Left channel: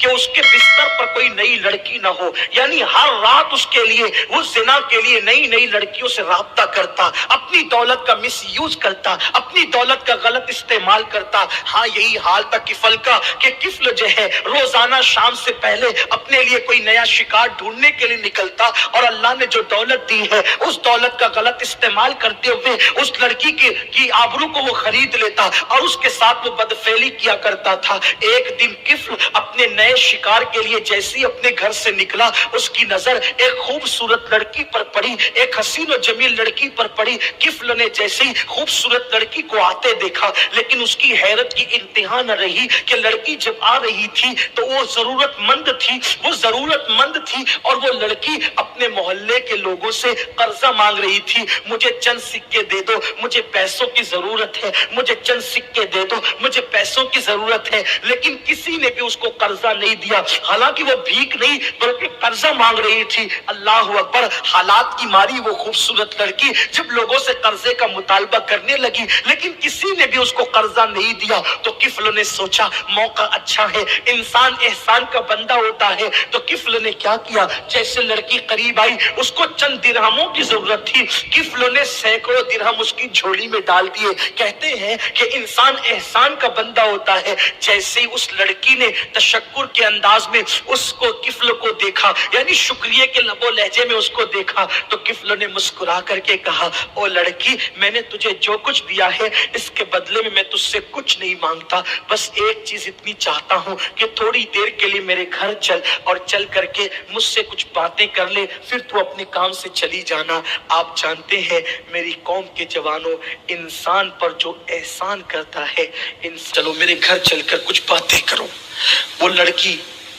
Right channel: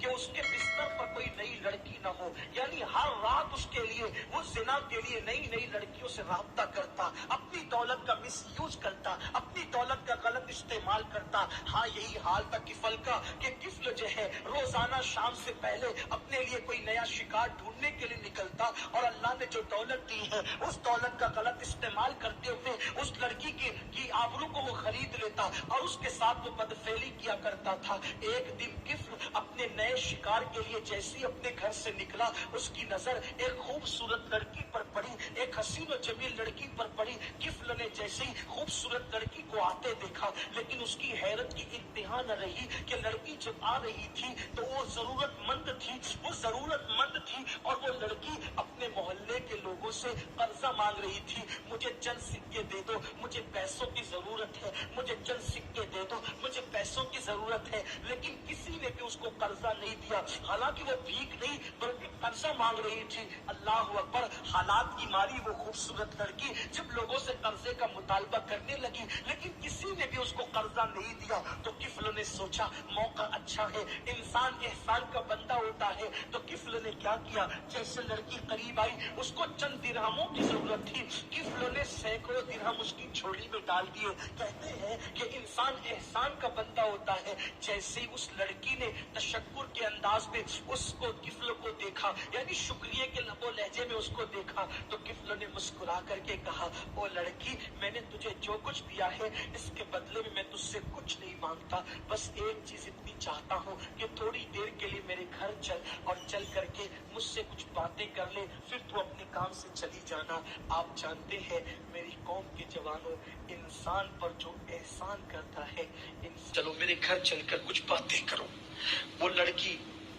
کہ उसके बिस्तर पर कोई नई लड़की ना हो, यानी हर रात उसके लिए वो जिना के लिए नई नई लड़कियों से राब्ता करता, अपनी दौलत का मिस यूज करता, अपनी दौलत का गलत इस्तेमाल करता। हाँ, यही हाल था किफल का कि किफल जो है रोजाना शाम से पहले अपने लिए कोई नया शिकार ढूंढने के लिए निकलता, और अल्लाह ने जो दौलत दी है उस दौलत का गलत इस्तेमाल करते हुए उस लड़की की आबरू को वो खरीद लेता और उसके साथ वो बदफेली किया करता था। एक दिन किफल अपने नए शिकार के लिए जैसे ही अपने घर से निकला, उसकी नजर एक खूबसूरत लड़की पर पड़ी, एक हसीन और जमील लड़की पर पड़ी। किफल ने जैसे ही खूबसूरत लड़की को आते देखा, लेकिन उसकी हैरत की इंतहा न रही कि लड़की जब आ रही थी तो वो जरूरतमंद थी और वो लड़की अपने मोहल्ले के लोगों से कर्जा मांग रही थी। मुझे चंद सिक्के दे दो, मुझे पैसों की जरूरत है, मुझे चंद सिक्के दे दो, मुझे पैसों की जरूरत है। लेकिन किसी ने भी उसको कर्जा नहीं दिया, हालांकि वो भीख नहीं बल्कि कर्जा मांग रही थी। अल्लाह अकबर, हालात की मारी वो खूबसूरत लड़की जब लोगों से कर्जे का मुतालबा करने लगी, लेकिन किसी ने भी उसको कर्जा नहीं दिया। तो किफल ने सोचा मौका अच्छा है, इंसान एहसान का बंदा होता है। तो किफल ने क्या किया, जैसे लड़की करीब आई, उसको चंद दिरहमों की जरूरत थी, किफल ने सैकड़ों दिरहम उसकी झोली में डाल दिए। कहते हैं कि इंसान एहसान का बंदा होता है। जैसे ही उस लड़की ने तशक्कुर के अंदाज में उसको किफल को देखा, यानी शुक्रिया के लबो लहजे में उसको देखा, तो किफल ने मुस्कुरा करके कहा, ओ लड़की, मैंने तुझे जो कुछ दिया है इसके बदले में मैं तुझसे कुछ नहीं मांगता, बस एक चीज इतनी चाहता हूँ कि थोड़ी देर के लिए मेरे घर चल और चल करके मुझसे कुछ बातें कर ले, फिर तू अपने काम से चली जाना। आप जानते हैं मेरी कौम के जवानों, इंसान पर जो एहसान करता है, चलो मेरे घर चलकर कुछ बातें करो। वो लड़की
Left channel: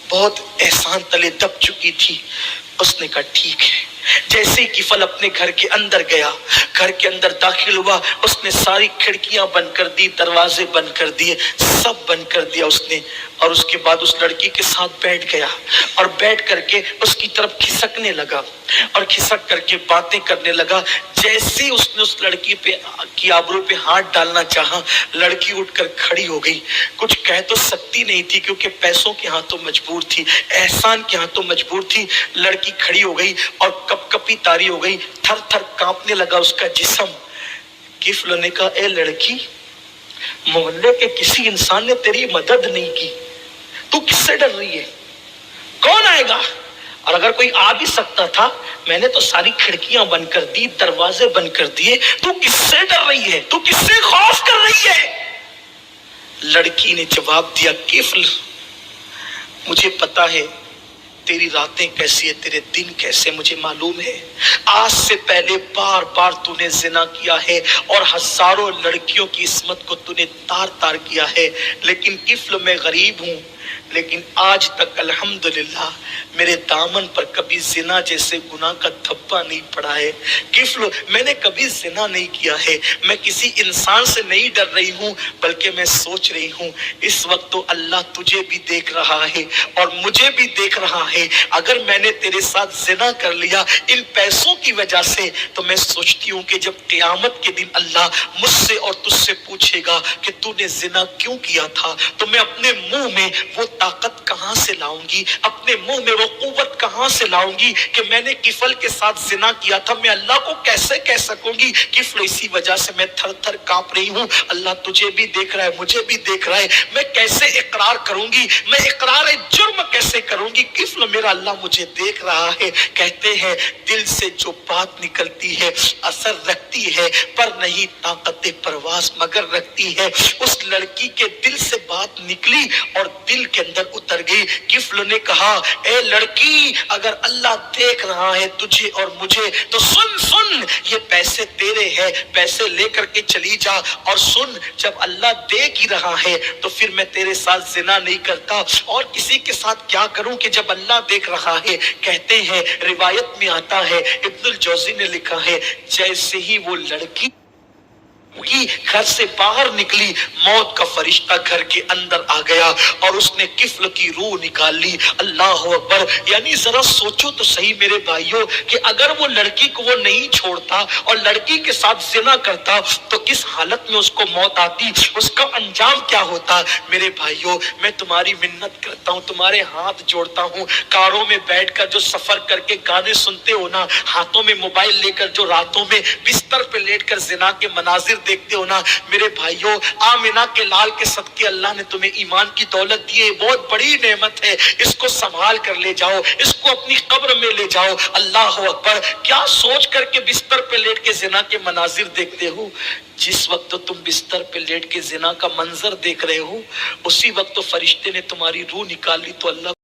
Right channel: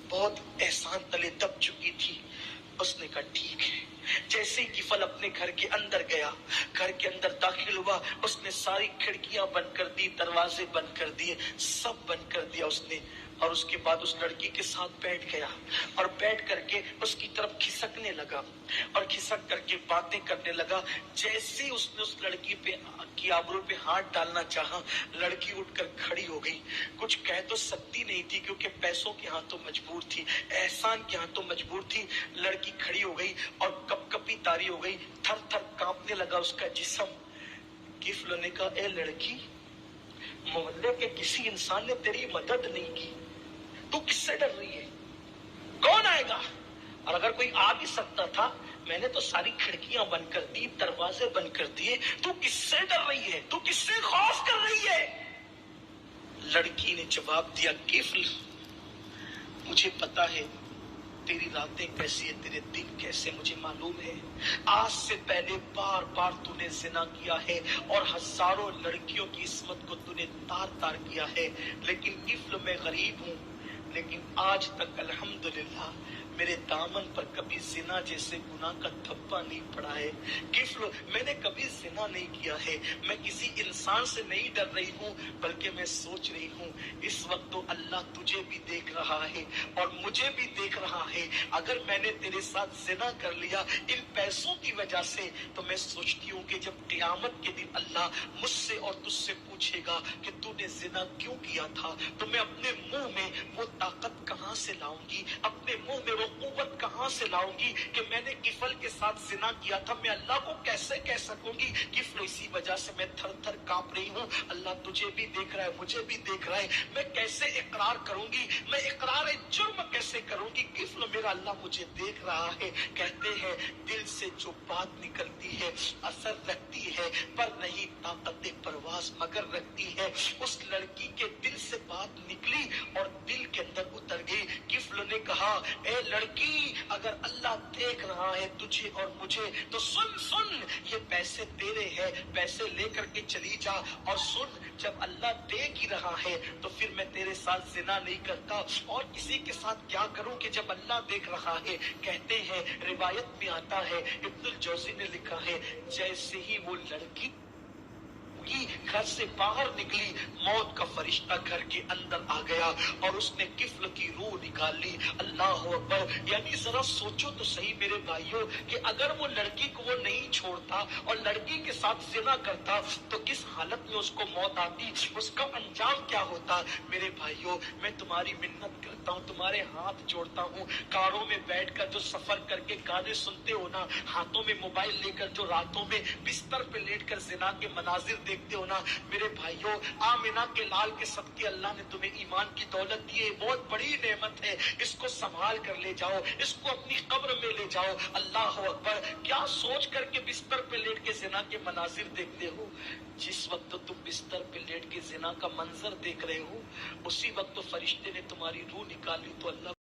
बहुत एहसान तले दब चुकी थी। उसने कहा ठीक है। जैसे ही किफल अपने घर के अंदर गया, घर के अंदर दाखिल हुआ, उसने सारी खिड़कियां बंद कर दी, दरवाजे बंद कर दिए, सब बंद कर दिया उसने। और उसके बाद उस लड़की के साथ बैठ गया और बैठ करके उसकी तरफ खिसकने लगा और खिसक करके बातें करने लगा। जैसे उसने उस लड़की पे की आबरू पे हाथ डालना चाहा, लड़की उठकर खड़ी हो गई। कुछ कह तो सकती नहीं थी क्योंकि पैसों के हाथों मजबूर थी, एहसान के हाथों मजबूर थी। लड़की खड़ी हो गई और कपकपी तारी हो गई, थर थर कांपने लगा उसका जिस्म। किफल ने कहा, ए लड़की, मोहल्ले के किसी इंसान ने तेरी मदद नहीं की, तू किससे डर रही है? कौन आएगा? और अगर कोई आ भी सकता था, मैंने तो सारी खिड़कियां बंद कर दी, दरवाजे बंद कर दिए, तू किससे डर रही है? तू किससे खौफ कर रही है? लड़की ने जवाब दिया, किफल, मुझे पता है तेरी रातें कैसी है, तेरे दिन कैसे, मुझे मालूम है। आज से पहले बार बार तूने जिना किया है और हजारों लड़कियों की इस्मत को तूने तार तार किया है, लेकिन किफल मैं गरीब हूं, लेकिन आज तक अल्हम्दुलिल्लाह मेरे दामन पर कभी जिना जैसे गुनाह का धब्बा नहीं पड़ा है। किफल, मैंने कभी जिना नहीं किया है। मैं किसी इंसान से नहीं डर रही हूँ, बल्कि मैं सोच रही हूँ इस वक्त तो अल्लाह तुझे भी देख रहा है और मुझे भी देख रहा है। अगर मैंने तेरे साथ जिना कर लिया इन पैसों की वजह से, तो मैं सोचती हूँ कि जब क़यामत के दिन अल्लाह मुझसे और तुझसे पूछेगा कि तूने जिना क्यों किया था, तो मैं अपने मुंह में वो ताकत कहां से लाऊंगी, अपने मुंह में वो कुव्वत कहां से लाऊंगी कि मैंने किफल के साथ जिना किया था। मैं अल्लाह को कैसे कह सकूंगी? किफल, इसी वजह से मैं थर थर कांप रही हूँ। अल्लाह तुझे भी देख रहा है, मुझे भी देख रहा है, मैं कैसे इकरार करूंगी, मैं इकरार जुर्म कैसे करूंगी? किफल, मेरा अल्लाह मुझे देख रहा है। कहते हैं दिल से जो बात निकलती है असर रखती है, पर नहीं ताकत परवास मगर रखती है। उस लड़की के दिल से बात निकली और दिल के अंदर उतर गई। किफल ने कहा, ए लड़की, अगर अल्लाह देख रहा है तुझे और मुझे, तो सुन सुन, ये पैसे तेरे हैं, पैसे लेकर के चली जा। और सुन, जब अल्लाह देख ही रहा है तो फिर मैं तेरे साथ जिना नहीं करता, और किसी के साथ क्या करूं कि जब अल्लाह देख रहा है। कहते हैं, रिवायत में आता है, इब्नुल जौजी ने लिखा है, जैसे ही वो लड़की की घर से बाहर निकली, मौत का फरिश्ता घर के अंदर आ गया और उसने किफ्ल की रूह निकाल ली। अल्लाह अकबर। यानी जरा सोचो तो सही मेरे भाइयों कि अगर वो लड़की को वो नहीं छोड़ता और लड़की के साथ जिना करता तो किस हालत में उसको मौत आती, उसका अंजाम क्या होता। मेरे भाइयों, मैं तुम्हारी मिन्नत करता हूँ, तुम्हारे हाथ जोड़ता हूँ, कारों में बैठकर जो सफर करके गाने सुनते हो ना, हाथों में मोबाइल लेकर जो रातों में बिस्तर पे लेटकर जिना के मनाजिर देखते हो ना, मेरे भाइयों, आमिना के लाल के सदके अल्लाह ने तुम्हें ईमान की दौलत दी है, बहुत बड़ी नेमत है, इसको संभाल कर ले जाओ, इसको अपनी कब्र में ले जाओ। अल्लाह अकबर। क्या सोच करके बिस्तर पे लेट के जिना के मनाजिर देखते हो? जिस वक्त तो तुम बिस्तर पे लेट के जिना का मंजर देख रहे हो, उसी वक्त तो फरिश्ते ने तुम्हारी रूह निकाल ली। तो अल्लाह